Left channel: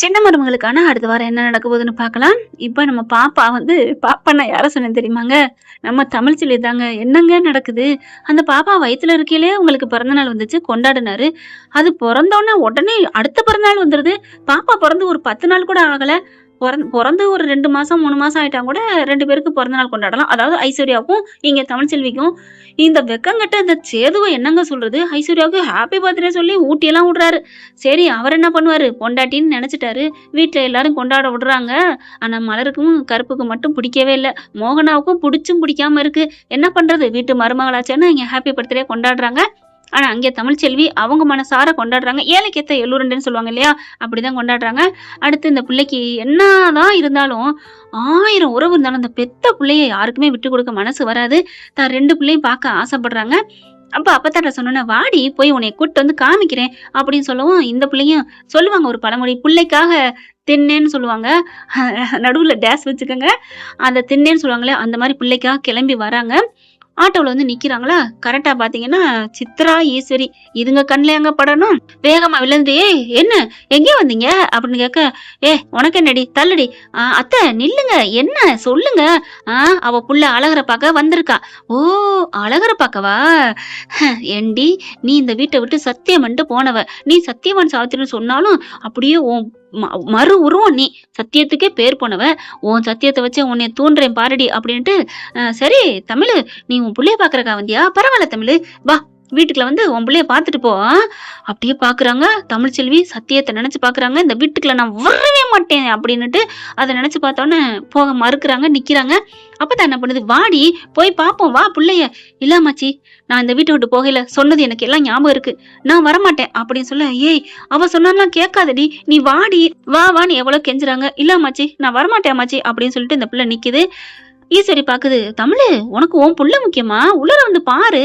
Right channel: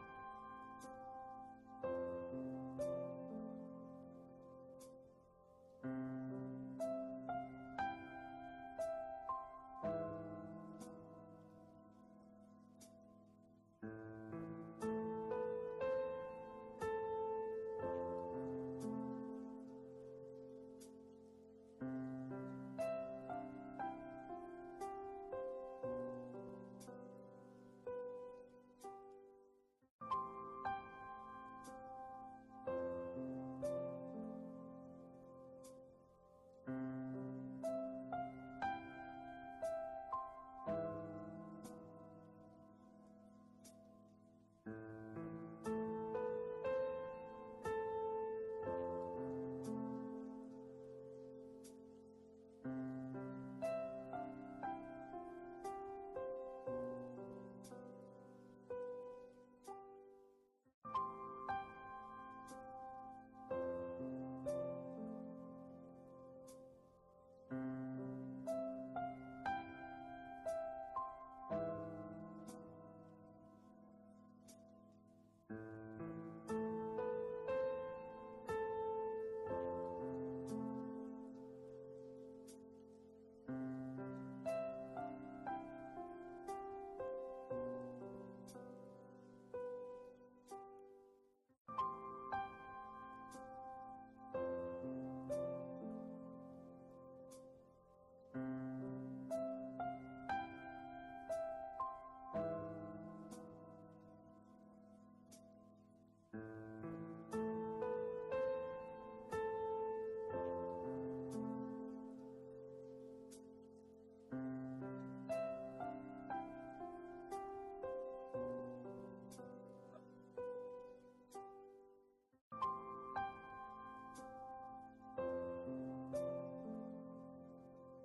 சின்ன மருமகளுக்கான அடுத்த வாரம் என்ன நடக்க போகுதுன்னு பார்க்கலாம். இப்ப நம்ம பாப்பா வந்து பாப்பான்னா யார சொன்னேன்னு தெரியுமாங்க? நம்ம தமிழ்ச்செல்வி தாங்க. என்னங்க நடக்குது? அந்த பாப்பா வயித்துல இருக்கையிலே உங்களுக்கு பிறந்தநாள் வந்துச்சு, கொண்டாடுனாரு. அது பொறந்தோனே உடனே அடுத்த பிறந்தநாள் வந்துருது. பாப்பா பொறந்து ஒரு 10 நாள் கூட ஆகல. பொறந்து ஒரு 2 மாசம், 3 மாசம் ஆயிட்டா கூட 2 பேருக்கு பிறந்த நாள் கொண்டாடலாம். அதாவது ஐஸ்வர்யாவுக்கும், இங்க தமிழ்ச்செல்விக்கும். இந்த வெக்கங்கெட்ட இந்த சேதுவ என்னங்க சொல்றது? ஐஸ்வர்யாவுக்கு ஹாப்பி பர்த்டே சொல்லி ஊட்டியெல்லாம் விடுறாரு. சரி அவர் என்ன பண்ணுவாரு? பொண்டாட்டின்னு நெனச்சுட்டாரு. வீட்ல எல்லாரும் கொண்டாட விடுறாங்க. ஆனா மலருக்கும், கருப்புக்கும் மட்டும் பிடிக்கவே இல்ல. மோகனாவுக்கும் பிடிச்சும் பிடிக்காம இருக்கு. என்ன பண்றது? வீட்டு மருமகளாச்சேன்னு இங்க ஹாப்பி பர்த்டே கொண்டாடுறாங்க. ஆனா அங்க தமிழ்ச்செல்வி அவங்க மனசார கொண்டாடுறாங்க. ஏழைக்கேத்த எள்ளுருண்டைன்னு சொல்லுவாங்க இல்லையா? அப்படிதான் கொண்டாடுறாங்க. அடுத்து இந்த பிள்ளைக்கு என்னதான் இருந்தாலும் 1000 உறவு இருந்தாலும் அந்த பெத்த பிள்ளைய யாருக்குமே விட்டுக் கொடுக்க மனசு வராது. தான் 2 பிள்ளையும் பார்க்க ஆசைப்படுறாங்க. அப்ப அப்பத்தாட்ட சொன்னோனே, "வாடி போய் உன்னைய கூட்டிட்டு வந்து காமிக்கிறேன்" அப்படின்னு சொல்லவும், இந்த பிள்ளையும் சொல்லுவாங்க ஒரு பழமொழி, "புள்ளைக்காக திண்ணேன்னு" சொல்லுவாங்க. நடுவுல டேஸ் வச்சுக்கோங்க. அந்த திண்ணேன்னு சொல்லுவாங்களே, அந்த மாரி பிள்ளைக்காக கிளம்பி வராங்க. ஆட்டோல வந்து நிக்கிறாங்களா, கரெக்ட்டா பாத்தீங்கன்னா, சித்ரா, ஈஸ்வரி இதுங்க கண்லயாங்க படணும். வேகமா விழுந்து, "ஏய் என்ன எங்கே வந்தீங்க?" அப்படின்னு கேட்க, உனக்கு என்னடி? தள்ளுடி." அத்தை நில்லுங்க. என்ன சொல்லுங்க." "ஆ அவ புள்ள அழகர பாக்க வந்திருக்கா." "ஓ அழகர பாக்கவா? ஏண்டி நீ இந்த வீட்ட விட்டு சத்தியம் பண்ணிட்டு போனவ. நீ சத்தியவான் சாவித்திரின்னு சொன்னாலும் அப்படியே உன் மறு உருவம் நீ. சத்தியத்துக்கே பேர் போனவ. உன் சத்தியத்த வச்சு உன்னைய தூண்டுறேன் பாருடி" அப்படின்ட்டு, சரி தமிழு நீ உன் புள்ளைய பாக்குறக்கா வந்தியா? பரவால்ல தமிழு, வா வீட்டுக்குள்ள வந்து உன் புள்ளைய பாத்துட்டு போ. அப்படியே பாக்குறாங்க தமிழ்ச்செல்வி, சத்தியத்த நினைச்சு பாக்குறாங்க. இந்த வீட்டுக்குள்ள நான் வரவே மாட்டேன் அப்படின்னுட்டு அத நினைச்சு பார்த்தோன்னே போக மறுக்குறாங்க, நிக்கிறாங்க. அப்பதான் என்ன பண்ணுது, "வாடி போய் பாப்போம், வா புள்ளைய." "இல்ல அம்மாச்சி, நான் இந்த வீட்ட விட்டு போகையில சொன்னது எனக்கு எல்லாம் ஞாபகம் இருக்கு. நான் வரமாட்டேன்" அப்படின்னு சொல்ல, "ஏய் அவ சொன்னாலாம் கேட்காதடி, நீ வாடி, வா வான்னு" எவ்வளவு கெஞ்சுறாங்க. "இல்ல அம்மாச்சி, நான் வரமாட்டேன் அம்மாச்சி" அப்படின்னு சொல்லிட்டு இந்த பிள்ளை நிக்குது. ஈஸ்வரி பாக்குது, "தமிழு உனக்கு உன் புள்ள முக்கியமா? உள்ளார வந்து பாரு."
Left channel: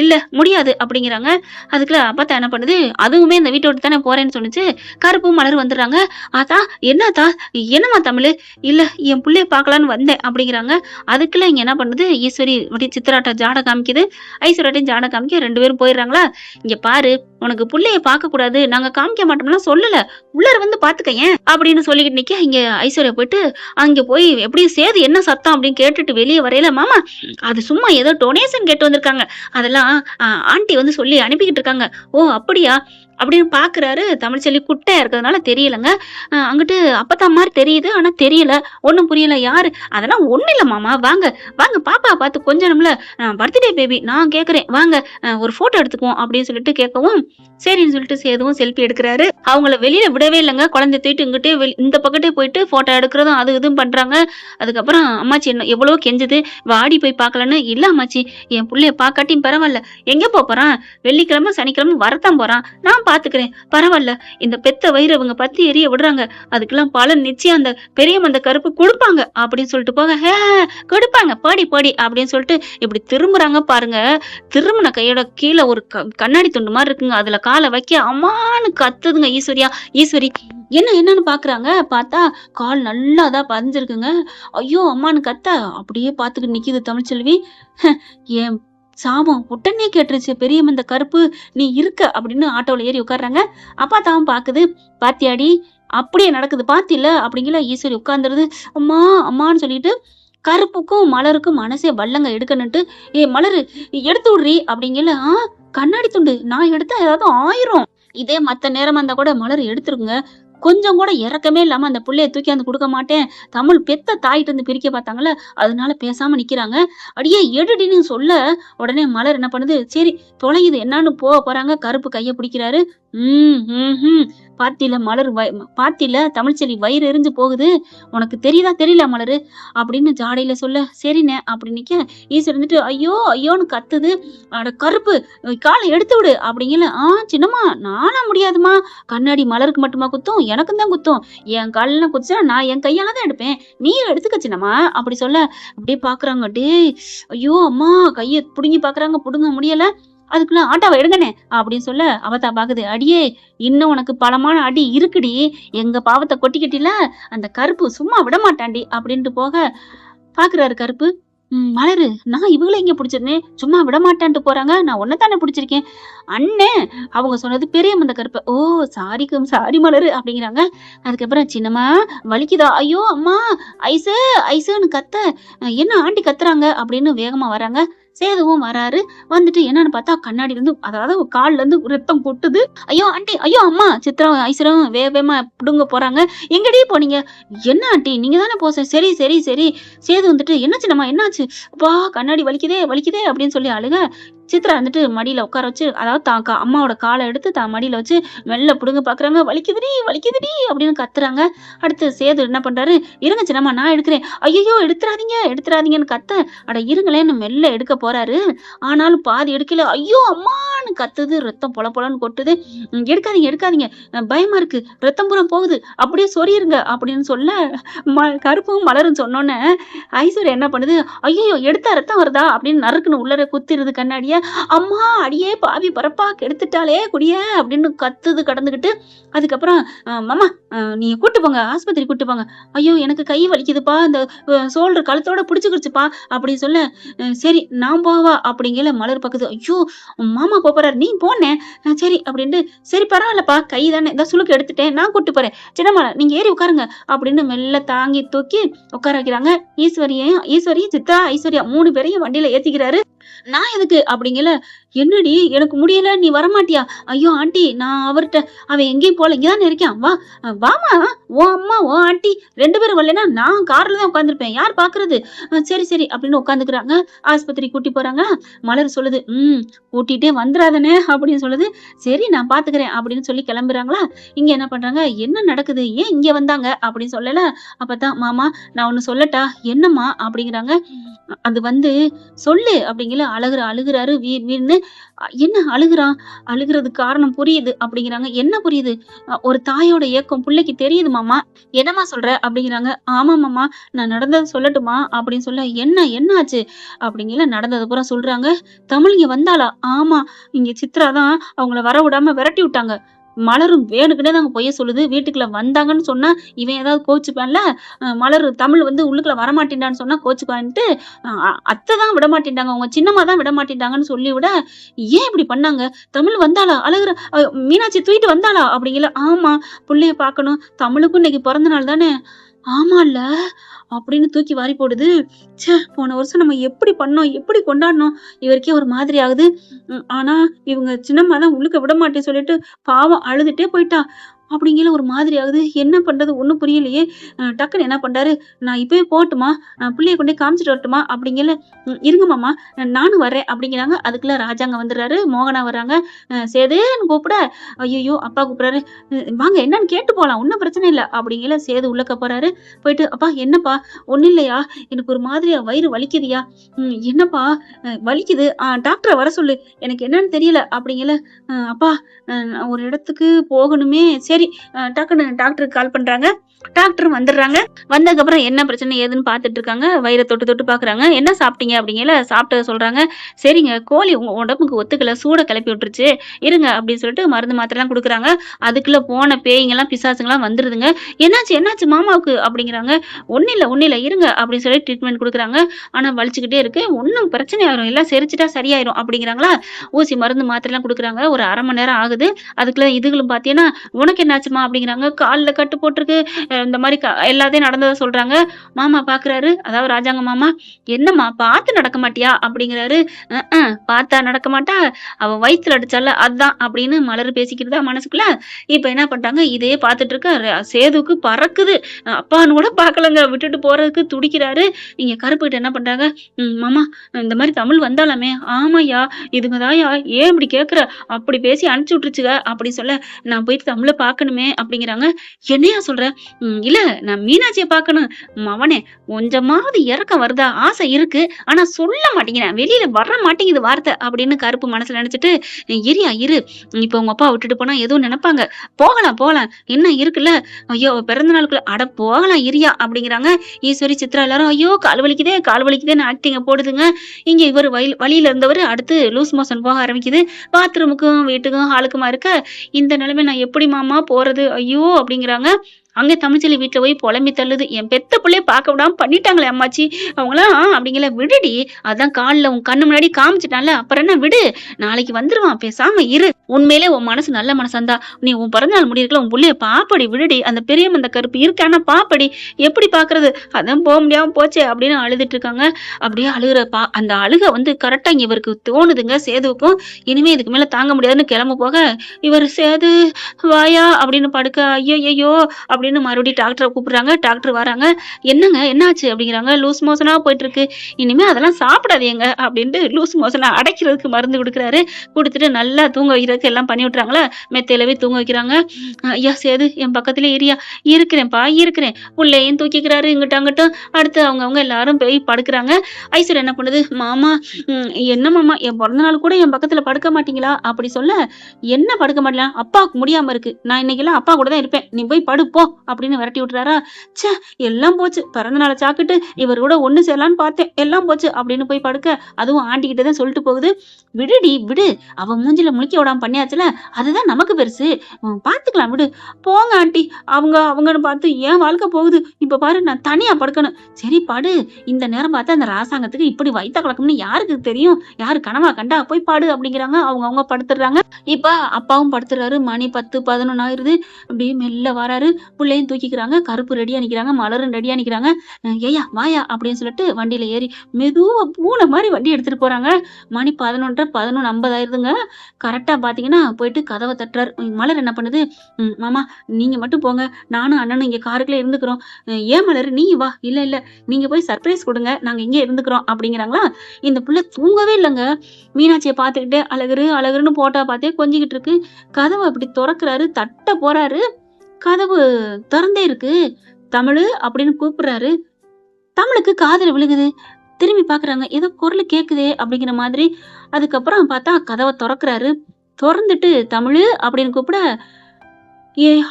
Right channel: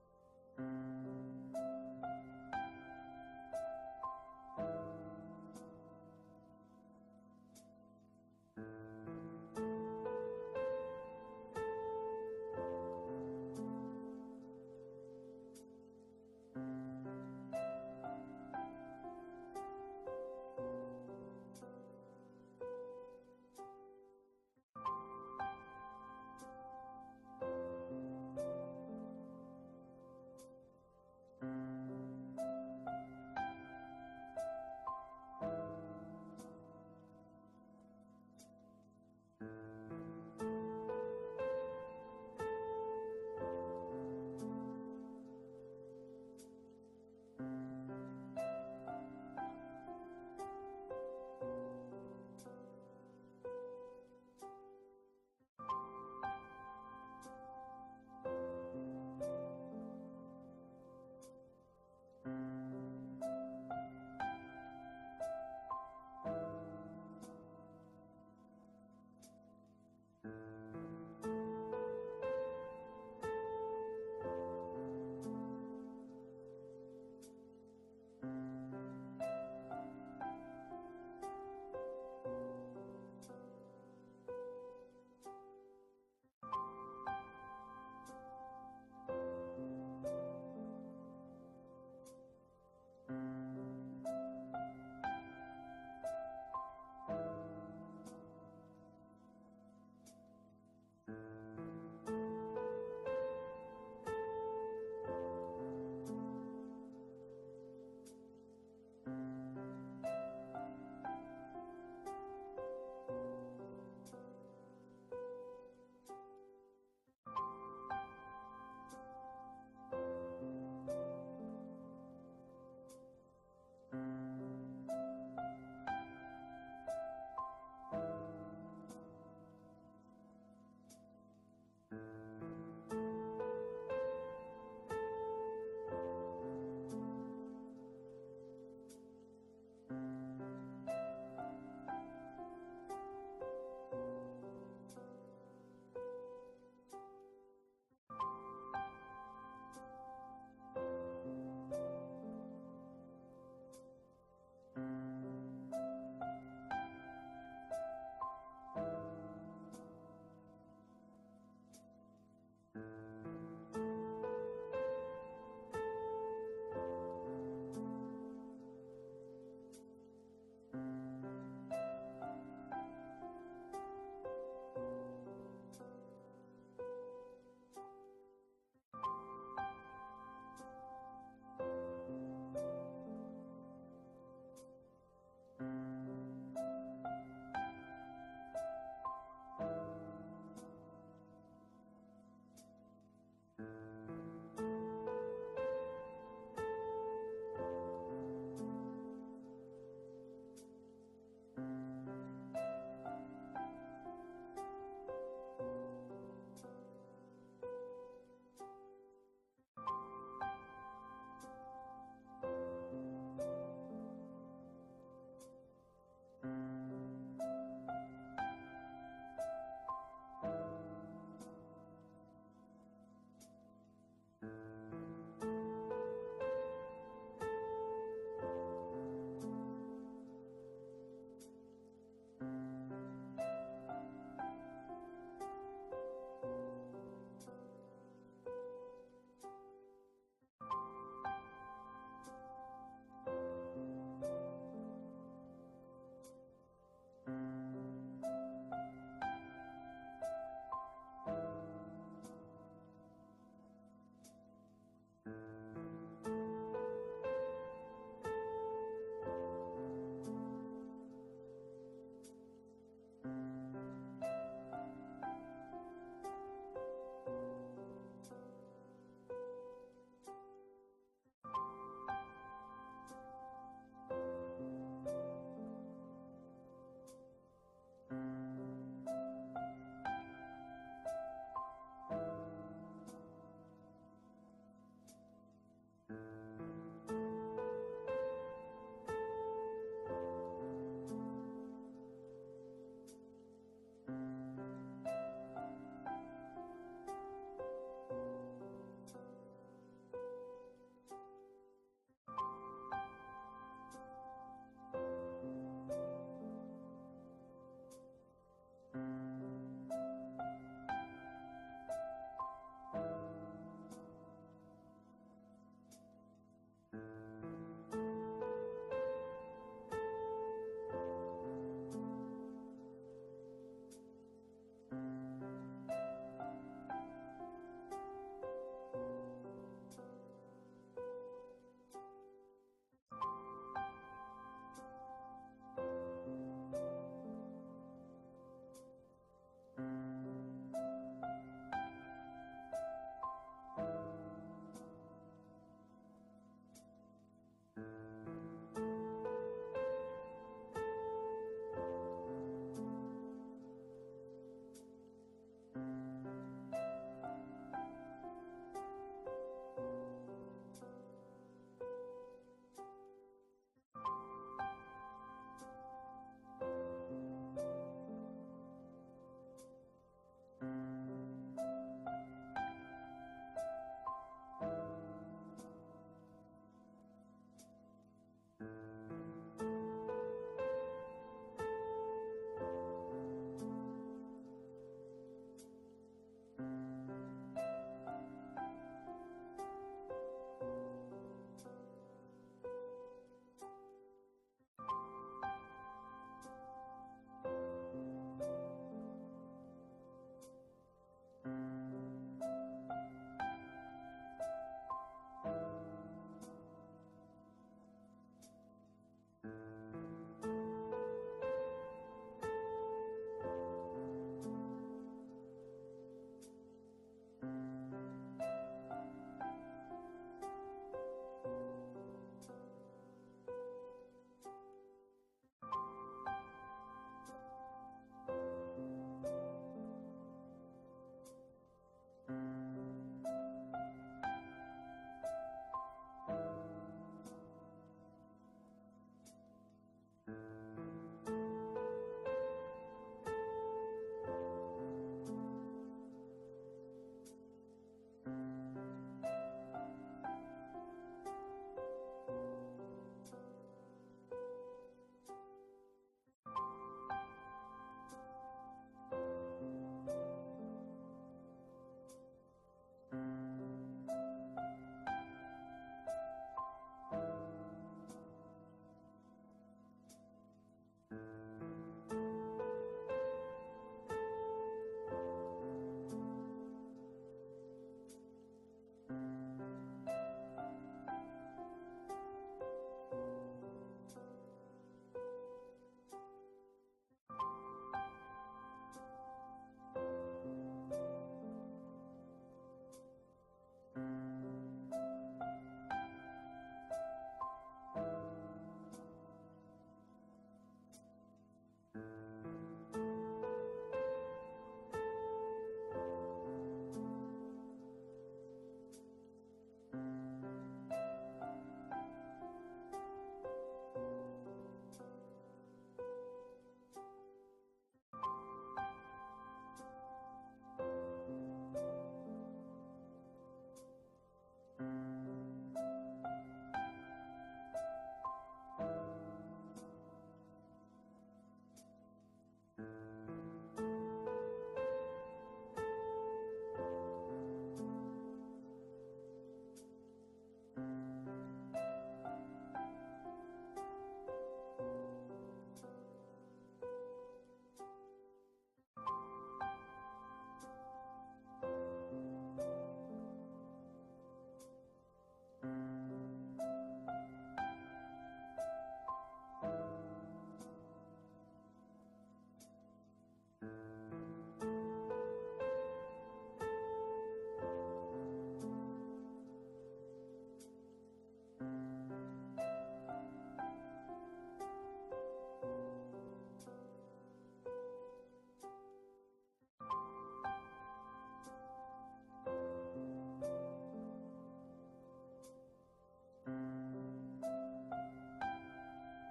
"இல்ல முடியாது" அப்படிங்கிறாங்க. அதுக்குள்ள அப்பத்தா என்ன பண்ணுது, அதுவுமே இந்த வீட்ட விட்டு தானே போறேன்னு சொன்னுச்சு. கருப்பும் மலரும் வந்துடுறாங்க. "ஆத்தா என்ன ஆத்தா? என்னம்மா தமிழு?" "இல்ல என் புள்ளைய பார்க்கலான்னு வந்தேன்" அப்படிங்கிறாங்க. அதுக்குள்ள இங்க என்ன பண்ணுது, ஈஸ்வரி அப்படியே சித்ராட்ட ஜாட காமிக்குது. ஐஸ்வர்யாட்டையும் ஜாட காமிக்க 2 பேரும் போயிடுறாங்களா. "இங்க பாரு உனக்கு புள்ளைய பார்க்க கூடாது, நாங்க காமிக்க மாட்டோம்லாம் சொல்லல. உள்ளார வந்து பாத்துக்கயேன்" அப்படின்னு சொல்லிக்கிட்டு நிக்க, இங்க ஐஸ்வர்யா போயிட்டு அங்க போய் எப்படியும் சேது என்ன சத்தம் அப்படின்னு கேட்டுட்டு வெளியே வரையில, "மாமா அது சும்மா ஏதோ டொனேஷன் கேட்டு வந்திருக்காங்க. அதெல்லாம் ஆண்டி வந்து சொல்லி அனுப்பிக்கிட்டு இருக்காங்க." "ஓ அப்படியா?" அப்படின்னு பாக்குறாரு. தமிழ்ச்செல்வி குட்டையா இருக்கிறதுனால தெரியலங்க. அங்கிட்டு அப்பத்தா மாரி தெரியுது. ஆனா தெரியல. ஒண்ணும் புரியல. "யாரு?" "அதெல்லாம் ஒண்ணும் இல்ல மாமா. வாங்க, வாங்க பாப்பாவ பார்த்து கொஞ்சணும்ல. பர்த்டே பேபி நான் கேட்கிறேன். வாங்க ஒரு ஃபோட்டோ எடுத்துக்குவோம்" அப்படின்னு சொல்லிட்டு கேட்கவும், சரின்னு சொல்லிட்டு சேதுவும் செல்ஃபி எடுக்குறாரு. அவங்கள வெளியில விடவே இல்லங்க. குழந்தைய தூக்கிட்டு இங்கிட்டே இந்த பக்கட்டே போயிட்டு ஃபோட்டோ எடுக்கிறதும் அது இதுவும் பண்றாங்க. அதுக்கப்புறம் அம்மாச்சி என்ன எவ்வளவோ கெஞ்சுது, "வாடி போய் பார்க்கலான்னு." "இல்ல அம்மாச்சி, என் புள்ளைய பார்க்காட்டியும் பரவால்ல. எங்க போறான்? வெள்ளிக்கிழமை, சனிக்கிழமை வரத்தான் போறான். நான் பார்த்துக்கிறேன். பரவால்ல. இந்த பெத்த வயிற இவங்க பத்தி எரிய விடுறாங்க. அதுக்கெல்லாம் பலன் நிச்சயம் அந்த பெரியம்மா அந்த கருப்பு குடுப்பாங்க" அப்படின்னு சொல்லிட்டு போக, "கொடுப்பாங்க போடி போடி" அப்படின்னு சொல்லிட்டு இப்படி திரும்புறாங்க பாருங்க. திரும்புன கையோட கீழ ஒரு கண்ணாடி துண்டு மாரி இருக்குங்க. அதுல கால வைக்க அம்மான்னு கத்துதுங்க ஈஸ்வரி என்னன்னு பாக்குறாங்க. பார்த்தா கால் நல்லா தான் பதிஞ்சிருக்குங்க. ஐயோ அம்மான்னு கத்த அப்படியே பாத்துக்கிட்டு நிக்குது தமிழ்ச்செல்வி. என் சாபம் உடனே கேட்டுருச்சு. "பெரியம்மா இந்த கருப்பு நீ இருக்க" அப்படின்னு ஆட்டோல ஏறி உட்கார்றாங்க. அப்பாத்தாவும் பாக்குது. "பாத்தியாடி அப்படியே நடக்குது பாத்தில" அப்படிங்கிற ஈஸ்வரி உட்கார்ந்துருது. "அம்மா அம்மான்னு" சொல்லிட்டு கருப்புக்கும் மலருக்கும் மனசே வல்லங்க எடுக்கணுன்ட்டு, மலரு எடுத்து விட்றி" அப்படிங்கல. கண்ணாடி துண்டு நான் எடுத்தா ஏதாவது ஆயிரும். இதே மத்த நேரமா இருந்தா கூட மலர் எடுத்துருங்க. கொஞ்சம் கூட இரக்கமே இல்லாம அந்த புள்ளைய தூக்கியாந்து குடுக்க மாட்டேன். தமிழ் பெத்த தாயிட்ட இருந்து பிரிக்க பார்த்தாங்கல்ல, அதனால பேசாம நிக்கிறாங்க. "அடியே எடுடின்னு" சொல்ல, உடனே மலர் என்ன பண்ணுது, சரி தொலையுது என்னான்னு போறாங்க. கருப்பு கைய பிடிக்கிறாரு. ம்ஹ்ம். "பாத்தில மலர் பாத்தில தமிழ்ச்செல்வி வயிறு எரிஞ்சு போகுது. உனக்கு தெரியுதா தெரியல மலரு" அப்படின்னு ஜாடையில சொல்ல, "சரிண்ணே" அப்படி நிக்க, ஈஸ்வரி இருந்துட்டு ஐயோ ஐயோன்னு கத்துது. "அட கருப்பு கால எடுத்து விடு" அப்படிங்கல. சின்னம்மா நானா முடியாதும்மா. கண்ணாடி மலருக்கு மட்டுமா குத்தும்? எனக்கும் தான் குத்தும். என் கால்லாம் குத்துச்சுனா நான் என் கையால தான் எடுப்பேன். நீயும் எடுத்துக்க சின்னம்மா" அப்படி சொல்ல, அப்படியே பாக்குறாங்க. டேய் ஐயோ அம்மா கைய புடுங்கி பாக்குறாங்க. புடுங்க முடியல. அதுக்குள்ள "ஆட்டாவ எடுங்கண்ணே" அப்படின்னு சொல்ல, அவத்தா பாக்குது. "அடியே இன்னும் உனக்கு பலமான அடி இருக்குடி. எங்க பாவத்த கொட்டிக்கிட்டில, அந்த கருப்பு சும்மா விடமாட்டான்டி" அப்படின்ட்டு போக, பாக்குறாரு கருப்பு. மலரு, நான் இவங்கள எங்க புடிச்சிருந்தேன்? சும்மா விடமாட்டேன்ட்டு போறாங்க. நான் உன்ன தானே புடிச்சிருக்கேன். அண்ணே! அவங்க சொன்னது பெரிய மந்த கருப்ப. ஓ! சாரி மலரு அப்படிங்கிறாங்க. அதுக்கப்புறம் சின்னம்மா வலிக்குதா? ஐயோ! அம்மா! ஐஸு! ஐஸுன்னு கத்த, என்ன ஆண்டி கத்துறாங்க அப்படின்னு வேகமா வராங்க. சேதுவும் வராரு. வந்துட்டு என்னன்னு பார்த்தா கண்ணாடிலருந்து அதாவது கால்லேருந்து ரத்தம் கொட்டுது. ஐயோ! ஆண்டி! ஐயோ! அம்மா! சித்ராவும், ஐஸ்வர்யாவும் வேகமா புடுங்க போறாங்க. எங்கடி போனீங்க? என்ன ஆண்டி? நீங்க தானே சரி. சேது வந்துட்டு என்ன சின்னம்மா என்னாச்சு? அப்பா கண்ணாடி வலிக்குதே, வலிக்குதே அப்படின்னு சொல்லி அழுக. சித்ரா வந்துட்டு மடியில உட்கார வச்சு, அதாவது தான் அம்மாவோட கால எடுத்து தான் மடியில வச்சு மெல்ல புடுங்க பார்க்குறாங்க. வலிக்குதுடி, வலிக்குதுடி அப்படின்னு கத்துறாங்க. அடுத்து சேது என்ன பண்றாரு? இருங்க சின்னம்மா நான் எடுக்கிறேன். ஐயய்யோ! எடுத்துறாதீங்கன்னு கத்த, அட இருங்களேன்னு மெல்ல எடுக்க போறாரு. ஆனாலும் பாதி எடுக்கல. ஐயோ! அம்மான்னு கத்துது. ரத்தம் பொல பொலன்னு கொட்டுது. எடுக்காதீங்க. பயமா இருக்கு. ரத்தம் பூரா போகுது. அப்படியே சொறியிருங்க அப்படின்னு சொல்ல, கருப்பும் மலரும் சொன்னோனே, ஐஸ்வர்யா என்ன பண்ணுது? ஐயய்யோ! எடுத்தா ரத்தம் வருதா? அப்படின்னு நறுக்குன்னு உள்ளார குத்திருது கண்ணாடிய. அம்மா! அடியே பாவி பரப்பா கெடுத்துட்டாளே குடிய அப்படின்னு கத்துது கடந்துகிட்டு. அதுக்கப்புறம் மாமா நீங்க கூட்டு போங்க. ஆஸ்பத்திரி கூட்டு போங்க. ஐயோ! எனக்கு கை வலிக்குதுப்பா. இந்த ஷோல்டர் கழுத்தோட புடிச்சுக்கிருச்சுப்பா அப்படி சொல்ல, சரி நான் போவா அப்படிங்கல மலர் பக்கத்து. ஐயோ! மாமா போறாரு. நீ போனே. சரி அப்படின்ட்டு, சரி பரவாயில்லப்பா கை தானே இந்த சுளுக்கு எடுத்துட்டேன். நான் கூட்டு போறேன். சின்னம்மா நீங்க ஏறி உட்காருங்க அப்படின்னு மெல்ல தாங்கி தூக்கி உட்கார வைக்கிறாங்க. ஈஸ்வரி, சித்ரா, ஐஸ்வர்யா 3 பேரையும் வண்டியில ஏத்திக்கிறாரு. நான் எதுக்கு அப்படிங்கல, என்னடி எனக்கு முடியல நீ வரமாட்டியா? ஐயோ ஆண்டி நான் அவன் எங்கேயும் போல இங்க தானே இருக்கான். வாமா உன் அம்மா உன் ஆண்டி 2 பேரும் வரலைன்னா நான் கார்ல தான் உட்காந்துருப்பேன். யார் பாக்குறது? சரி அப்படின்னு உட்காந்துக்கிறாங்க. ஆஸ்பத்திரி கூட்டி போறாங்க. மலர் சொல்லுது, கூட்டிட்டே வந்துராதனே அப்படின்னு சொல்லுது. சரி நான் பாத்துக்கிறேன் அப்படின்னு சொல்லி கிளம்புறாங்களா. இங்க என்ன பண்றாங்க? என்ன நடக்குது? ஏன் இங்க வந்தாங்க அப்படின்னு சொல்லல. அப்பதான் மாமா நான் ஒண்ணு சொல்லட்டா? என்னம்மா அப்படிங்கிறாங்க. அது வந்து சொல்லு அப்படிங்கல. அழுகுறாரு வீர்னு. என்ன அழுகுறான்? அழுகுறதுக்கு காரணம் புரியுது அப்படிங்கிறாங்க. என்ன புரியுது? ஒரு தாயோட ஏக்கம் புள்ளைக்கு தெரியுது மாமா. என்னம்மா சொல்ற? அப்படிங்கிறாங்க. ஆமா மாமா நான் நடந்தது சொல்லட்டுமா? அப்படின்னு சொல்ல, என்ன ஆச்சு? அப்படிங்கல நடந்தது பூரா சொல்றாங்க. தமிழ் இங்க வந்தாளா? ஆமா. இங்க சித்ரா தான் அவங்கள வர விடாம விரட்டி விட்டாங்க. மலரும் வேணுக்குன்னே தாங்க பொய்ய சொல்லுது. வீட்டுக்குள்ள வந்தாங்கன்னு சொன்னா, இவன் ஏதாவது கோவிச்சுப்பான்ல. மலரு தமிழ் வந்து உள்ளுக்குள்ள வரமாட்டேன்டான்னு சொன்னா கோவிச்சுப்பான்ட்டு, அத்தை தான் விடமாட்டேன்டாங்க. உங்க சின்னம்மா தான் விடமாட்டேன்டாங்கன்னு சொல்லி விட, ஏன் இப்படி பண்ணாங்க? தமிழ் வந்தாளா? அழகுற மீனாட்சி தூக்கிட்டு வந்தாளா? அப்படிங்கல. ஆமா. புள்ளைய பார்க்கணும். தமிழுக்கும் இன்னைக்கு பிறந்த நாள் தானே. ஆமால்ல அப்படின்னு தூக்கி வாரி போடுது. போன வருஷம் நம்ம எப்படி பண்ணோம்? எப்படி கொண்டாடினோம்? இவருக்கே ஒரு மாதிரி ஆகுது. ஆனா இவங்க சின்னம்மா தான் உள்ளுக்க விட மாட்டேன்னு சொல்லிட்டு பாவம் அழுதுட்டே போயிட்டா. அப்படிங்கல ஒரு மாதிரி ஆகுது. என்ன பண்றது? ஒண்ணும் புரியலையே. டக்குன்னு என்ன பண்றாரு? நான் இப்பவே போகட்டுமா? புள்ளைய கொண்டு போய் காமிச்சுட்டு வரட்டுமா? அப்படிங்கல. இருங்க மாமா நானும் வரேன் அப்படிங்கிறாங்க. அதுக்குள்ள ராஜாங்க வந்துடுறாரு. மோகனா வர்றாங்க. சேதுன்னு கூப்பிட, ஐயையோ! அப்பா கூப்பிடுறாரு. வாங்க என்னன்னு கேட்டு போலாம். ஒண்ணும் பிரச்சனை இல்ல அப்படிங்கல. சேது உள்ளக்க போறாரு. போயிட்டு, அப்பா என்னப்பா? ஒண்ணும் இல்லையா? எனக்கு ஒரு மாதிரியா வயிறு வலிக்குதுயா. என்னப்பா வலிக்குது? டாக்டர வர சொல்லு. எனக்கு என்னன்னு தெரியல அப்படிங்கல. அப்பா நான் ஒரு இடத்துக்கு போகணுமே. சரி டக்குன்னு டாக்டருக்கு கால் பண்றாங்க. டாக்டரும் வந்துடுறாங்க. வந்ததுக்கப்புறம் என்ன பிரச்சனை ஏதுன்னு பார்த்துட்டு இருக்காங்க. வயிற தொட்டு பார்க்குறாங்க. என்ன சாப்பிட்டீங்க அப்படிங்கல. சாப்பிட்டத சொல்றாங்க. சரிங்க கோழி உங்க உடம்புக்கு ஒத்துக்கல. சூட கிளப்பி விட்டுருச்சு. இருங்க அப்படின்னு சொல்லிட்டு மருந்து மாத்திரைலாம் குடுக்குறாங்க. அதுக்குள்ள போன பேய்ங்கலாம் பிசாசுங்கலாம் வந்துருதுங்க. என்னாச்சு மாமாவுக்கு அப்படிங்கிறாங்க. ஒண்ணும் இல்ல இருங்க அப்படின்னு சொல்லி ட்ரீட்மெண்ட் குடுக்குறாங்க. ஆனா வலிச்சுக்கிட்டே இருக்கு. ஒண்ணும் பிரச்சனை ஆயிரும். எல்லாம் செரிச்சுட்டா சரியாயிரும் அப்படிங்கிறாங்களா. ஊசி மருந்து மாத்திரைலாம் குடுக்குறாங்க. ஒரு 1/2 மணி நேரம் ஆகுது. அதுக்குள்ள இதுகளும் பார்த்தீங்கன்னா, உனக்கு என்னாச்சும்மா அப்படிங்கிறாங்க. கால்ல கட்டு போட்டிருக்கு. இந்த மாரி எல்லாத்தையும் நடந்தத சொல்றாங்க. மாமா பார்க்குறாரு. அதாவது ராஜாங்க மாமா, "என்னம்மா பார்த்து நடக்க மாட்டியா?" அப்படிங்கிறாரு. பார்த்தா நடக்க மாட்டா. அவ வயித்துல அடிச்சால்ல அதான்" அப்படின்னு மலர் பேசிக்கிறதா மனசுக்குள்ள. இப்ப என்ன பண்ட்டாங்க, இதையே பார்த்துட்டு இருக்க சேதுவுக்கு பறக்குது. அப்பான்னு கூட பார்க்கலங்க. விட்டுட்டு போறதுக்கு துடிக்கிறாரு. இங்க கருப்புகிட்ட என்ன பண்றாங்க, மாமா இந்த மாரி தமிழ் வந்தாளாமே." "ஆமாய்யா, இதுங்க தான்யா ஏன் இப்படி கேட்குற? அப்படி பேசி அனுப்பிச்சு விட்டுருச்சுக." அப்படி சொல்ல, "நான் போயிட்டு தமிழ பார்க்கணுமே." அப்படிங்கிறாங்க. "என்னய்யா சொல்ற?" இல்ல நான் மீனாட்சிய பார்க்கணும். மவனே கொஞ்சமாவது இரக்கம் வருதா? ஆசை இருக்கு. ஆனா சொல்ல மாட்டேங்கிறேன். வெளியில வர மாட்டேங்குது வார்த்தை அப்படின்னு கருப்பு மனசுல நினைச்சுட்டு, "இருயா இரு. இப்ப உங்க அப்பா விட்டுட்டு போனா எதுவும் நினைப்பாங்க. போகலாம். இன்னும் இருக்குல்ல. ஐயோ! பிறந்த நாளுக்குள்ள அட போகலாம் இருயா" அப்படிங்கிறாங்க. ஈஸ்வரி, சித்ரா எல்லாரும் ஐயோ கால் வலிக்குதேன்னு ஆக்டிங்க போடுதுங்க. இங்க இவரு வழியில இருந்தவரு அடுத்து லூஸ் மோஷன் போக ஆரம்பிக்குது. பாத்ரூமுக்கும், வீட்டுக்கும், ஹாலுக்குமா இருக்க, இந்த நிலைமை நான் எப்படி மாமா போறது? ஐயோ! அப்படிங்கிறாங்க. அங்க தமிழ்ச்செல்வி வீட்ல போய் புலம்பி தள்ளுது. என் பெத்த புள்ளைய பார்க்க விடாம பண்ணிட்டாங்களே அம்மாச்சி. அவங்கலாம் அப்படிங்கல விடுடி. அதான் கால்ல உன் கண்ணு முன்னாடி காமிச்சுட்டான்ல. அப்புறம் என்ன விடு. நாளைக்கு வந்துருவான். பேசாம இரு. உண்மையிலே உன் மனசு நல்ல மனசா இருந்தா, நீ உன் பிறந்தநாள் முடியறதுக்குள்ள உன் புள்ளைய பாப்படி விடுடி. அந்த பெரியம்மன் அந்த கருப்பு இருக்கானா பாப்படி. எப்படி பார்க்கறது? அதான் போ முடியாம போச்சே அப்படின்னு அழுதுட்டு இருக்காங்க. அப்படியே அழுகுற அந்த அழுக வந்து கரெக்ட்டா இங்க இவருக்கு தோணுதுங்க சேதுவுக்கும். இனிமே இதுக்கு மேல தாங்க முடியாதுன்னு கிளம்ப போக, இவர் சேது வாயா அப்படின்னு படுக்க, ஐயையோ! அப்படின்னு மறுபடியும் டாக்டர கூப்பிடுறாங்க. டாக்டர் வராங்க. என்னங்க என்னாச்சு? அப்படிங்கிறாங்க. லூஸ் மோஷனா போயிட்டு இருக்கு. இனிமே அதெல்லாம் சாப்பிடாதீங்க அப்படின்ட்டு லூஸ் மோஷன அடைக்கிறதுக்கு மருந்து குடுக்குறாரு. குடுத்துட்டு நல்லா தூங்க வைக்கிறதுக்கு எல்லாம் பண்ணி விட்டுறாங்களா, மெத்தையிலவே தூங்க வைக்கிறாங்க. ஐயா சேது என் பக்கத்திலே இருயா. இருக்கிறேன்ப்பா இருக்கிறேன். புள்ளையும் தூக்கிக்கிறாரு இங்கிட்டும் அங்கிட்டும். அடுத்து அவங்கவங்க எல்லாரும் போய் படுக்குறாங்க. ஐஸ்வர்யா என்ன பண்ணுது, மாமா என்ன மாமா என் பிறந்த நாள் கூட என் பக்கத்துல படுக்க மாட்டீங்களா? அப்படி சொல்ல, என்ன படுக்க மாட்டலாம்? அப்பாவுக்கு முடியாம இருக்கு. நான் இன்னைக்கெல்லாம் அப்பா கூட தான் இருப்பேன். நீ போய் படு போ அப்படின்னு விரட்டி விட்டுறாரா. ச்சே எல்லாம் போச்சு. பிறந்த நாளை சாக்கிட்டு இவர் கூட ஒண்ணு சேரலான்னு பார்த்தேன். எல்லாம் போச்சு அப்படின்னு போய் படுக்க, அதுவும் ஆண்டி கிட்ட தான் சொல்லிட்டு போகுது. விடுடி விடு. அவ மூஞ்சில முழிக்க விடாம பண்ணியாச்சுல, அதுதான் நமக்கு பெருசு. பாத்துக்கலாம் விடு. போங்க ஆண்டி. அவங்கன்னு பார்த்து என் வாழ்க்கை போகுது. இப்ப பாரு நான் தனியா படுக்கணும். சரி படு. இந்த நேரம் பார்த்து அந்த ராசாங்கத்துக்கு இப்படி வயித்த கலக்கும்னு யாருக்கு தெரியும்? யாரு கனவா கண்டா? போய் பாடு அப்படிங்கிறாங்க. அவங்க படுத்துடுறாங்க. இப்ப அப்பாவும் படுத்துறாரு. மணி 10, 11 ஆயிருது. அப்படியே மெல்ல வராரு. புள்ளையும் தூக்கிக்கிறாங்க. கருப்பு ரெடியா நிக்கிறாங்க. மலரும் ரெடியா நிக்கிறாங்க. ஏய்யா வாயா அப்படின்னு சொல்லிட்டு வண்டியில ஏறி மெதுவா பூனை மாதிரி வண்டி எடுத்துட்டு போறாங்க. மணி 11:30, 11:50 ஆயிருதுங்க. கரெக்டா பாத்தீங்கன்னா போயிட்டு கதவை தட்டுறாரு. மலர் என்ன பண்ணுது, மாமா நீங்க மட்டும் போங்க. நானும் அண்ணனும் இங்க காருக்குள்ள இருந்துக்கிறோம். ஏன் மலர் நீ வா. இல்ல நீங்க போய் சர்ப்ரைஸ் கொடுங்க. நாங்க இங்கே இருந்துக்கிறோம் அப்படிங்கிறாங்களா. இந்த புள்ள தூங்கவே இல்லைங்க. மீனாட்சியை பார்த்துக்கிட்டே அழகுன்னு போட்டா பார்த்தே கொஞ்சிக்கிட்டு இருக்கு. கதவை அப்படி திறக்கிறாரு. தட்ட போறாரு. கதவு திறந்தே இருக்கு. தமிழு அப்படின்னு கூப்பிடுறாரு. தமிழுக்கு காதுல விழுகுது. திரும்பி பாக்குறாங்க. ஏதோ குரல் கேக்குதே அப்படிங்கிற மாதிரி. அதுக்கப்புறம் பார்த்தா கதவை திறக்கிறாரு. திறந்துட்டு தமிழு அப்படின்னு கூப்பிட,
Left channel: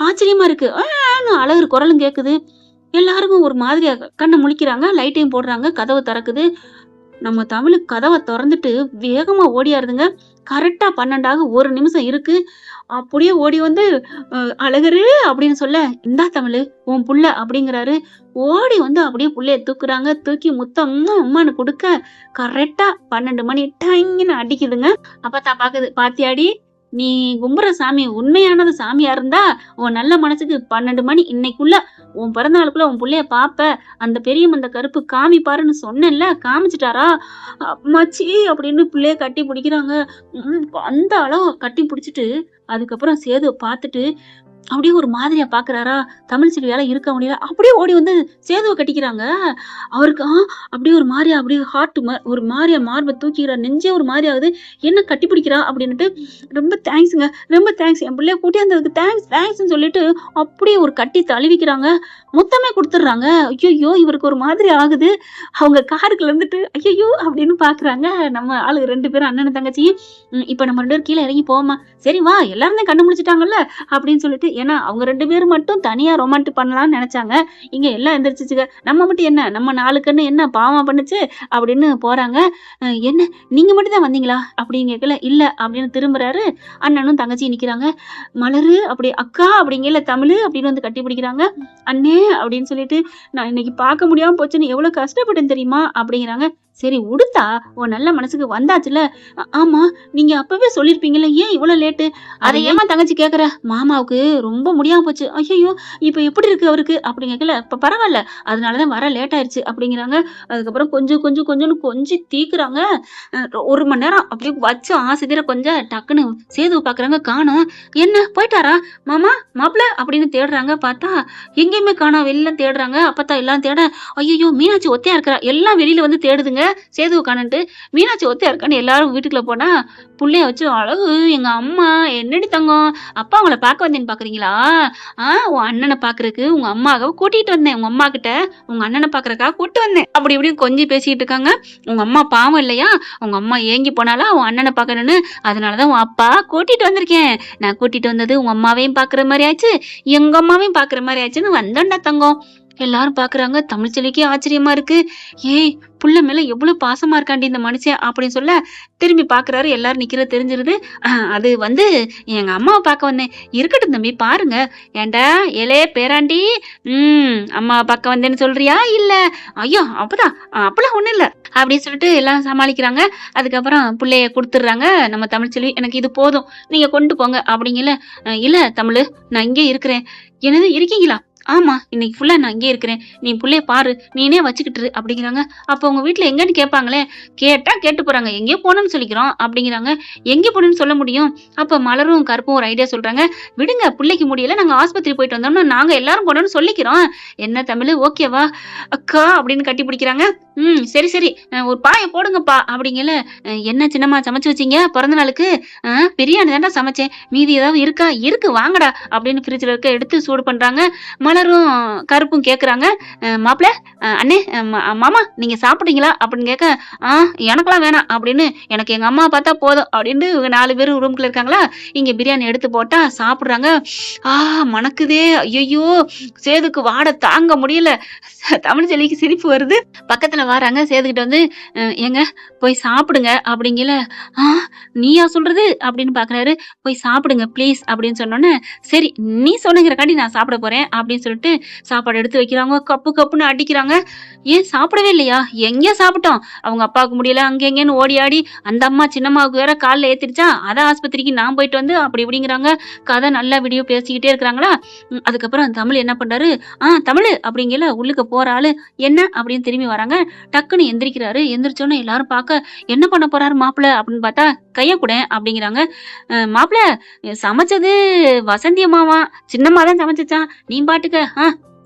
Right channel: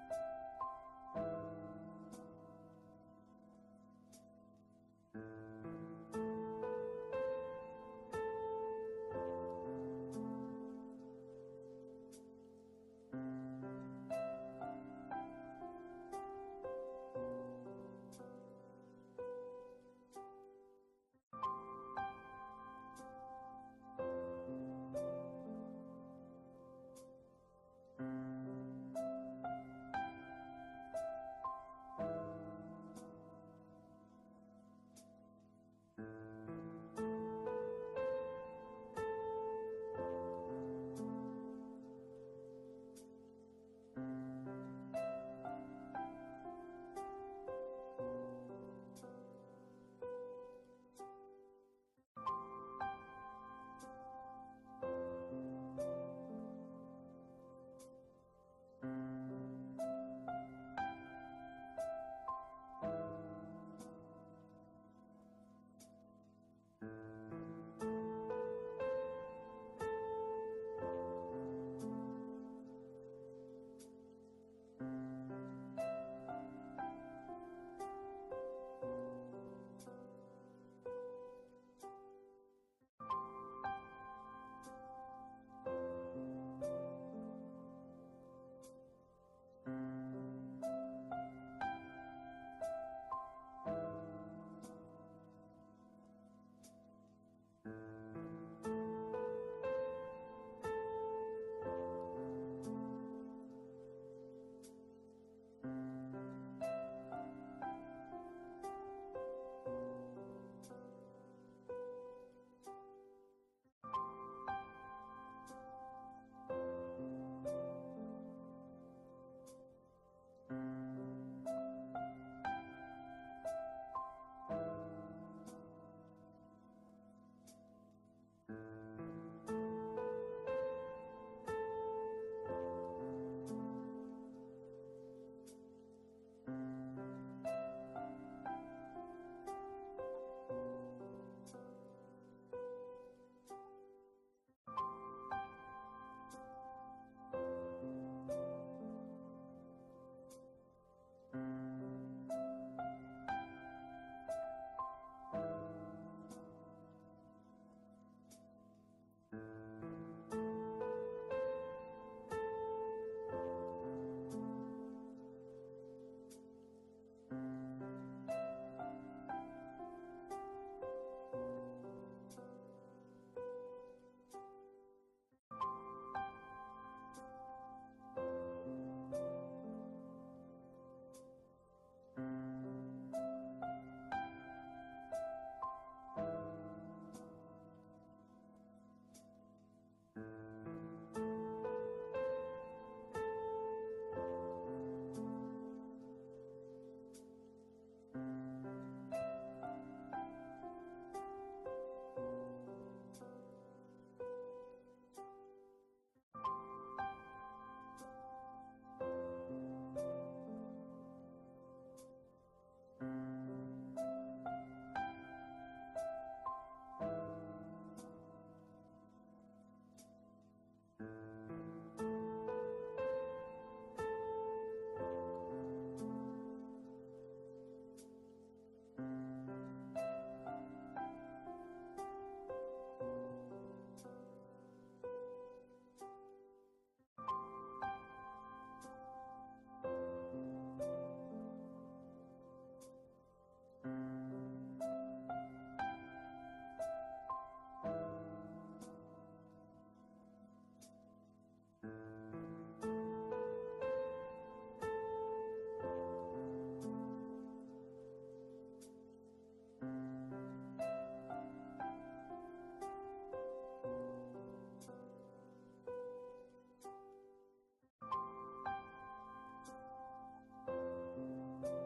ஆச்சரியமா இருக்கு. அழகு குரலும் கேக்குது. எல்லாருக்கும் ஒரு மாதிரியா கண்ணை முழிக்கிறாங்க. லைட்டையும் போடுறாங்க. கதவை திறக்குது. நம்ம தமிழுக்கு கதவை திறந்துட்டு வேகமா ஓடியாருதுங்க. கரெக்டா 12 1 நிமிஷம் இருக்கு. அப்படியே ஓடி வந்து அழகரு அப்படின்னு சொல்ல, இந்தா தமிழு உன் புள்ள அப்படிங்கிறாரு. ஓடி வந்து அப்படியே புள்ளைய தூக்குறாங்க. தூக்கி முத்தம் அம்மான்னு கொடுக்க, கரெக்டா 12 மணி டைன்னு அடிக்குதுங்க. அப்பதான் பாக்குது. பாத்தியாடி நீ கும்புற சாமி உண்மையானது சாமியா இருந்தா உன் நல்ல மனசுக்கு 12 மணி இன்னைக்குள்ள உன் பிறந்த நாளுக்குள்ள உன் புள்ளைய பாப்ப. அந்த பெரியம்மன் அந்த கருப்பு காமிப்பாருன்னு சொன்னேன்ல, காமிச்சிட்டாரா? அம்மாச்சி அப்படின்னு புள்ளைய கட்டி பிடிக்கிறாங்க. அந்த அளவு கட்டி பிடிச்சிட்டு அதுக்கப்புறம் சேது பார்த்துட்டு அப்படியே ஒரு மாதிரியா பாக்குறாரா. தமிழ்ச்செல்வியால இருக்க முடியல. அப்படியே ஓடி வந்து சேதுவை கட்டிக்கிறாங்க. அவருக்கு அப்படியே ஒரு மாதிரியா அப்படியே ஹார்ட் ஒரு மாதிரியா மார்பை தூக்கிக்கிறார். நெஞ்சே ஒரு மாதிரி ஆகுது. என்ன கட்டி பிடிக்கிறா அப்படின்னுட்டு, ரொம்ப தேங்க்ஸுங்க, ரொம்ப தேங்க்ஸ், என் பிள்ளைய கூட்டியாந்ததுக்கு தேங்க்ஸ்ன்னு சொல்லிட்டு அப்படியே ஒரு கட்டி தழுவிக்கிறாங்க. மொத்தமே கொடுத்துடுறாங்க. ஐயோ இவருக்கு ஒரு மாதிரி ஆகுது. அவங்க காருக்குள்ள இருந்துட்டு ஐயோ அப்படின்னு பாக்குறாங்க. நம்ம ஆளு 2 பேரும் அண்ணனும் தங்கச்சியும். இப்ப நம்ம 2 பேரும் கீழே இறங்கி போவோமா? சரி வா எல்லாருமே கண்டுபிடிச்சிட்டாங்கல்ல அப்படின்னு சொல்லிட்டு, ஏன்னா அவங்க 2 பேரும் மட்டும் தனியா ரொமான்டிக் பண்ணலாம்னு நினைச்சாங்க. இங்க எல்லாம் எந்திரிச்சிச்சுங்க. நம்ம மட்டும் என்ன, நம்ம 4 கண்ணு என்ன பாவம் பண்ணுச்சு அப்படின்னு போறாங்க. என்ன நீங்க மட்டும் தான் வந்தீங்களா அப்படின்னு கேட்கல. இல்ல அப்படின்னு திரும்புறாரு. அண்ணனும் தங்கச்சியும் நிக்கிறாங்க. மலரு அப்படி அக்கா அப்படிங்கல, தமிழு அப்படின்னு வந்து கட்டி பிடிக்கிறாங்க. அண்ணே அப்படின்னு சொல்லிட்டு, நான் இன்னைக்கு பார்க்க முடியாம போச்சுன்னு எவ்வளவு கஷ்டப்பட்டேன் தெரியுமா அப்படிங்கிறாங்க. சரி உடுத்தா உன் நல்ல மனசுக்கு வந்தாச்சுல. ஆமா நீங்க அப்பவே சொல்லிருப்பீங்கல்ல, ஏன் இவ்வளவு லேட்டு? அதை ஏமா தங்கச்சி கேக்குற? மாமாவுக்கு ரொம்ப முடியாம போச்சு. ஐயோ இப்ப எப்படி இருக்கு அவருக்கு அப்படின்னு கேட்கல. இப்ப பரவாயில்ல, அதனாலதான் வர லேட் ஆயிருச்சு அப்படிங்கிறாங்க. அதுக்கப்புறம் கொஞ்சம் கொஞ்சம் தீக்குறாங்க. 1 மணி நேரம் அப்படியே வச்சு ஆசைதீர கொஞ்சம் டக்குன்னு சேது பாக்குறாங்க. காணோம். என்ன போயிட்டாரா மாமா மாப்பிள்ள அப்படின்னு தேடுறாங்க. பார்த்தா எங்கேயுமே காணோம். வெளியில தேடுறாங்க. அப்பதான் எல்லாம் தேட, ஐயோ மீனாட்சி ஒத்தையா இருக்கிறா. எல்லாம் வெளியில வந்து தேடுதுங்க சேதுவை காணன்ட்டு. மீனாட்சி ஒத்தையா இருக்கான்னு எல்லாரும் வீட்டுக்குள்ள போனா, புள்ளைய வச்சு அழகு எங்க அம்மா என்னடி தங்கம், அப்பா உங்களை பார்க்க வந்தேன்னு பாக்குறீங்களா? உன் அண்ணனை பாக்குறதுக்கு உங்க அம்மாவை கூட்டிட்டு வந்தேன். உங்க அம்மா கிட்ட உங்க அண்ணனை பாக்குறக்கா கூட்டு வந்தேன் அப்படி இப்படின்னு கொஞ்சம் பேசிட்டு இருக்காங்க. உங்க அம்மா பாவம் இல்லையா? உங்க அம்மா ஏங்கி போனாலா உன் அண்ணனை பாக்கணும்னு, அதனாலதான் உன் அப்பா கூட்டிட்டு வந்திருக்கேன். நான் கூட்டிட்டு வந்தது உங்க அம்மாவையும் பாக்குற மாதிரி ஆச்சு, எங்க அம்மாவையும் பாக்குற மாதிரி ஆச்சுன்னு வந்தோண்டா தங்கம். எல்லாரும் பாக்குறாங்க. தமிழ்ச்செல்விக்கே ஆச்சரியமா இருக்கு. ஏய், புள்ள மேல எவ்வளவு பாசமா இருக்காண்டி இந்த மனுஷன் அப்படின்னு சொல்ல திரும்பி பாக்குறாரு. எல்லாரும் நிக்கிறது தெரிஞ்சிருது. அது வந்து எங்க அம்மாவை பார்க்க வந்தேன். இருக்கட்டும் தம்பி, பாருங்க. ஏன்டா ஏலே பேராண்டி, அம்மாவை பார்க்க வந்தேன்னு சொல்றியா இல்ல? ஐயோ அப்பதான், அப்பெல்லாம் ஒண்ணும் இல்ல அப்படின்னு சொல்லிட்டு எல்லாம் சமாளிக்கிறாங்க. அதுக்கப்புறம் புள்ளைய கொடுத்துடுறாங்க. நம்ம தமிழ்ச்செல்வி, எனக்கு இது போதும், நீங்க கொண்டு போங்க அப்படிங்கல. இல்ல தமிழ், நான் இங்கே இருக்கிறேன். என்னது இருக்கீங்களா? ஆமா, இன்னைக்கு ஃபுல்லா நான் இங்கே இருக்கிறேன். நீ புள்ளைய பாரு, நீனே வச்சுக்கிட்டு இரு அப்படிங்கிறாங்க. அப்போ உங்க வீட்ல எங்கன்னு கேட்பாங்களே. கேட்டா கேட்டு போறாங்க. எங்கேயோ போனோம்னு சொல்லிக்கிறோம் அப்படிங்கிறாங்க. எங்கே போனேன்னு சொல்ல முடியும்? அப்ப மலரும் கருப்பும் ஒரு ஐடியா சொல்றாங்க. விடுங்க, புள்ளைக்கு முடியல, நாங்க ஆஸ்பத்திரி போயிட்டு வந்தோம்னா நாங்க எல்லாரும் போனோம்னு சொல்லிக்கிறோம். என்ன தமிழ், ஓகேவா அக்கா அப்படின்னு கட்டி பிடிக்கிறாங்க. சரி சரி, ஒரு பாய போடுங்கப்பா அப்படிங்கல. என்ன சின்னம்மா சமைச்சு வச்சீங்க பிறந்த நாளுக்கு? பிரியாணி தாண்டா சமைச்சேன், மீதி ஏதாவது இருக்கா? இருக்கு வாங்கடா அப்படின்னு ஃப்ரிட்ஜ்ல இருக்க எடுத்து சூடு பண்றாங்க. மலரும் கருப்பும் கேக்குறாங்க. மாப்பிள்ள, அண்ணே, மாமா நீங்க சாப்பிட்டீங்களா அப்படின்னு கேட்க, எனக்கெல்லாம் வேணாம் அப்படின்னு, எனக்கு எங்க அம்மா பார்த்தா போதும் அப்படின்னு இவங்க 4 பேரும் ரூம்குள்ள இருக்காங்களா. இங்க பிரியாணி எடுத்து போட்டா சாப்பிடுறாங்க. மணக்குதே, ஐயோ சேதுக்கு வாடை தாங்க முடியல. தமிழ்ச்செல்விக்கு சிரிப்பு வருது. பக்கத்துல வராங்க. சேதுக்கிட்ட வந்து, ஏங்க போய் சாப்பிடுங்க அப்படிங்கல. நீயா சொல்றது அப்படின்னு பாக்குறாரு. போய் சாப்பிடுங்க ப்ளீஸ் அப்படின்னு சொன்னோன்னே, சரி நீ சொன்னங்கிறக்காண்டி நான் சாப்பிட போறேன் அப்படின்னு சொல்லிட்டு சாப்பாடு எடுத்து வைக்கிறாங்க. கப்பு கப்புன்னு அடிக்கிறாங்க. ஏன் சாப்பிடவே இல்லையா? எங்க சாப்பிட்டோம்? அவங்க அப்பாவுக்கு முடியல, அங்க எங்கன்னு ஓடி ஆடி அந்த அம்மா சின்னம்மாவுக்கு வேற காலில் ஏத்திருச்சா, அதான் ஆஸ்பத்திரிக்கு நான் போயிட்டு வந்து அப்படி இப்படிங்கிறாங்க. கதை நல்லா வீடியோ பேசிக்கிட்டே இருக்கிறாங்களா. அதுக்கப்புறம் தமிழ் என்ன பண்றாரு, தமிழ் அப்படிங்கல உள்ளுக்கு போற ஆளு, என்ன அப்படின்னு திரும்பி வராங்க. டக்குன்னு எந்திரிக்கிறாரு. எந்திரிச்சோன்னு எல்லாரும் பார்க்க, என்ன பண்ண போறாரு மாப்பிள்ள அப்படின்னு பார்த்தா, கைய கூட அப்படிங்கிறாங்க. மாப்பிள்ள சமைச்சது வசந்தி அம்மாவா, சின்னம்மா தான் சமைச்சா, நீ பாட்டுக்க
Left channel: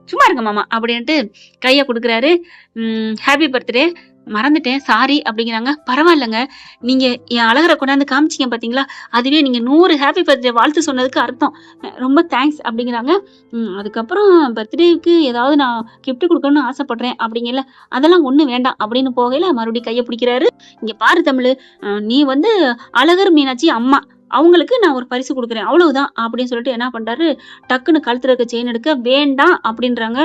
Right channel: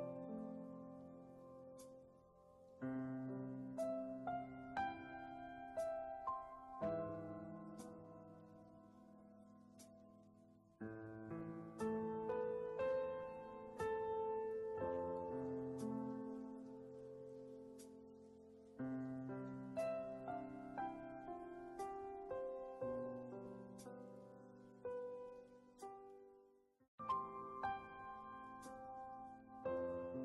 சும்மா இருங்க மாமா அப்படின்ட்டு கைய கொடுக்குறாரு. ஹாப்பி பர்த்டே, மறந்துட்டேன் சாரி அப்படிங்கிறாங்க. பரவாயில்லங்க, நீங்க என் அழகரை கொண்டாந்து காமிச்சிங்க பாத்தீங்களா, அதுவே நீங்க 100 ஹாப்பி பர்த்டே வாழ்த்து சொன்னதுக்கு அர்த்தம். ரொம்ப தேங்க்ஸ் அப்படிங்கிறாங்க. அதுக்கப்புறம் பர்த்டேக்கு ஏதாவது நான் கிஃப்ட் கொடுக்கணும்னு ஆசைப்படுறேன் அப்படிங்கல. அதெல்லாம் ஒண்ணு வேண்டாம் அப்படின்னு போகையில மறுபடியும் கையை பிடிக்கிறாரு. இங்க பாரு தமிழ், நீ வந்து அழகர் மீனாட்சி அம்மா, அவங்களுக்கு நான் ஒரு பரிசு கொடுக்குறேன் அவ்வளவுதான் அப்படின்னு சொல்லிட்டு என்ன பண்றாரு, டக்குன்னு கழுத்துல இருக்க செயின் எடுக்க, வேண்டாம் அப்படின்றாங்க.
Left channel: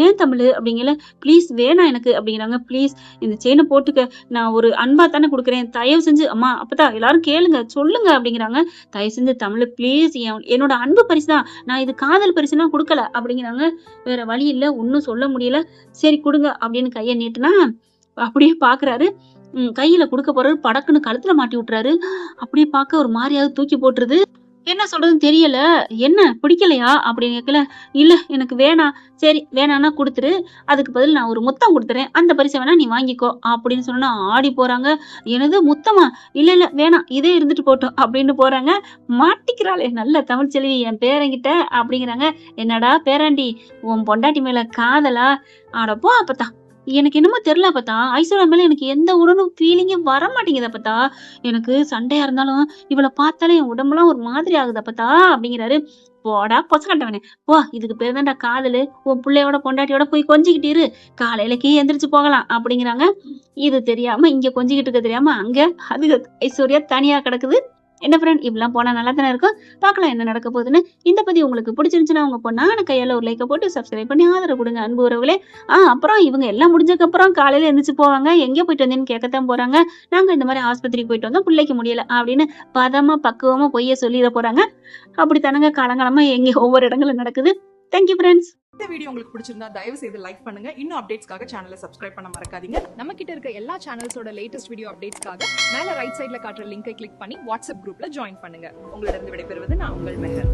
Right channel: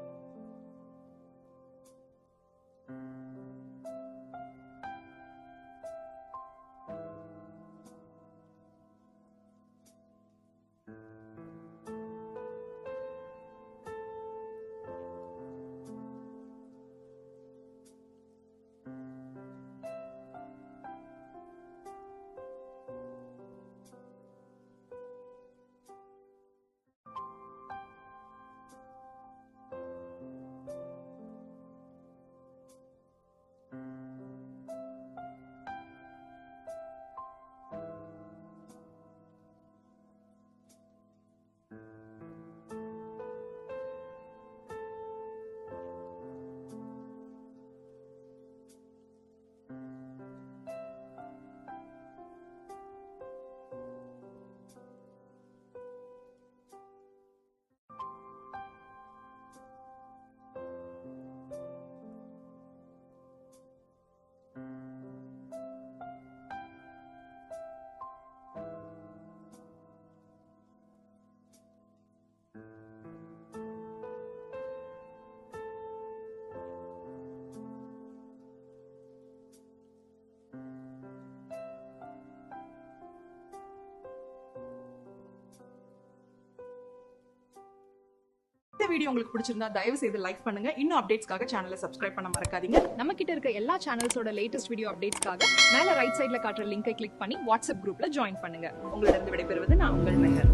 ஏன் தமிழ் அப்படிங்கல. ப்ளீஸ் வேணாம் எனக்கு அப்படிங்கிறாங்க. ப்ளீஸ் இந்த செயினை போட்டுக்க, நான் ஒரு அன்பா தானே கொடுக்குறேன், தயவு செஞ்சு அம்மா அப்பதான் எல்லாரும் கேளுங்க சொல்லுங்க அப்படிங்கிறாங்க. தயவு செஞ்சு தமிழ் ப்ளீஸ், என்னோட அன்பு பரிசு தான், நான் இது காதல் பரிசுனா கொடுக்கல அப்படிங்கிறாங்க. வேற வழி இல்ல, ஒன்னும் சொல்ல முடியல. சரி கொடுங்க அப்படின்னு கையை நீட்டுனா அப்படியே பாக்குறாரு. கையில கொடுக்க போறாரு. படக்குன்னு கழுத்துல மாட்டி விட்டுறாரு. அப்படியே பார்க்க ஒரு மாதிரியாவது தூக்கி போட்டுருது. என்ன சொல்றதுன்னு தெரியல. என்ன பிடிக்கலையா அப்படின்னு கேட்கல. இல்ல எனக்கு வேணாம். சரி வேணான்னா கொடுத்துரு, அதுக்கு பதில் நான் ஒரு முத்தம் கொடுத்துறேன், அந்த பரிசை வேணா நீ வாங்கிக்கோ அப்படின்னு சொன்னா ஆடி போறாங்க. எனது முத்தமா? இல்ல இல்ல வேணாம், இதே இருந்துட்டு போட்டோம் அப்படின்னு போறாங்க. மாட்டிக்கிறாளே நல்ல தமிழ்ச்செல்வி என் பேரங்கிட்ட அப்படிங்கிறாங்க. என்னடா பேராண்டி, உன் பொண்டாட்டி மேல காதலா? ஆடப்போ அப்பதான், எனக்கு என்னமோ தெரியல அப்பத்தா, ஐஸ்வர்யா மேல எனக்கு எந்த உடனும் ஃபீலிங்கே வர மாட்டேங்குது அப்பத்தா. எனக்கு சண்டையா இருந்தாலும் இவளை பார்த்தாலே என் உடம்புலாம் ஒரு மாதிரி ஆகுது அப்பத்தா அப்படிங்கிறாரு. போடா பொசக்கட்டவனே போ, இதுக்கு பேர் தான்டா காதலு. உன் பிள்ளையோட பொண்டாட்டியோட போய் கொஞ்சிக்கிட்டு இரு, காலையிலக்கே எந்திரிச்சு போகலாம் அப்படிங்கிறாங்க. இது தெரியாம இங்க கொஞ்சிக்கிட்டு இருக்க தெரியாம அங்க அது ஐஸ்வர்யா தனியா கிடக்குது. என்ன ஃப்ரெண்ட், இப்படிலாம் போனா நல்லா தானே இருக்கும். பார்க்கலாம் என்ன நடக்க போகுதுன்னு. இந்த பதிவு உங்களுக்கு பிடிச்சிருந்துச்சுன்னா உங்க பொண்ணான கையால ஒரு லைக்கை போட்டு சப்ஸ்கிரைப் பண்ணி ஆதரவு கொடுங்க அன்பு உறவுகளே. அப்புறம் இவங்க எல்லாம் முடிஞ்சதுக்கு அப்புறம் காலையில எந்திரிச்சு போவாங்க. எங்கே போயிட்டு வந்தேன்னு கேட்கத்தான் போறாங்க. நாங்க இந்த மாதிரி ஆஸ்பத்திரிக்கு போயிட்டு வந்தோம், பிள்ளைக்கு முடியல அப்படின்னு பதமா பக்குவமா பொய்ய சொல்லிட போறாங்க. அப்படித்தானங்க காலங்காலமா எங்க ஒவ்வொரு இடங்களும் நடக்குது. Thank you friends. இந்த வீடியோ உங்களுக்கு பிடிச்சிருந்தா தயவு செய்து லைக் பண்ணுங்க. இன்னும் அப்டேட்ஸ்க்காக சேனலை சப்ஸ்கிரைப் பண்ண மறக்காதீங்க. நம்ம கிட்ட இருக்க எல்லா சேனல்ஸோட லேட்டஸ்ட் வீடியோ அப்டேட்ஸ்க்காக மேல ரைட் சைடுல காட்டுற லிங்கை கிளிக் பண்ணி வாட்ஸ்அப் குரூப்ல ஜாயின் பண்ணுங்க. உங்களிடம் விடைபெறுவது நான் உங்கள் மெஹர்.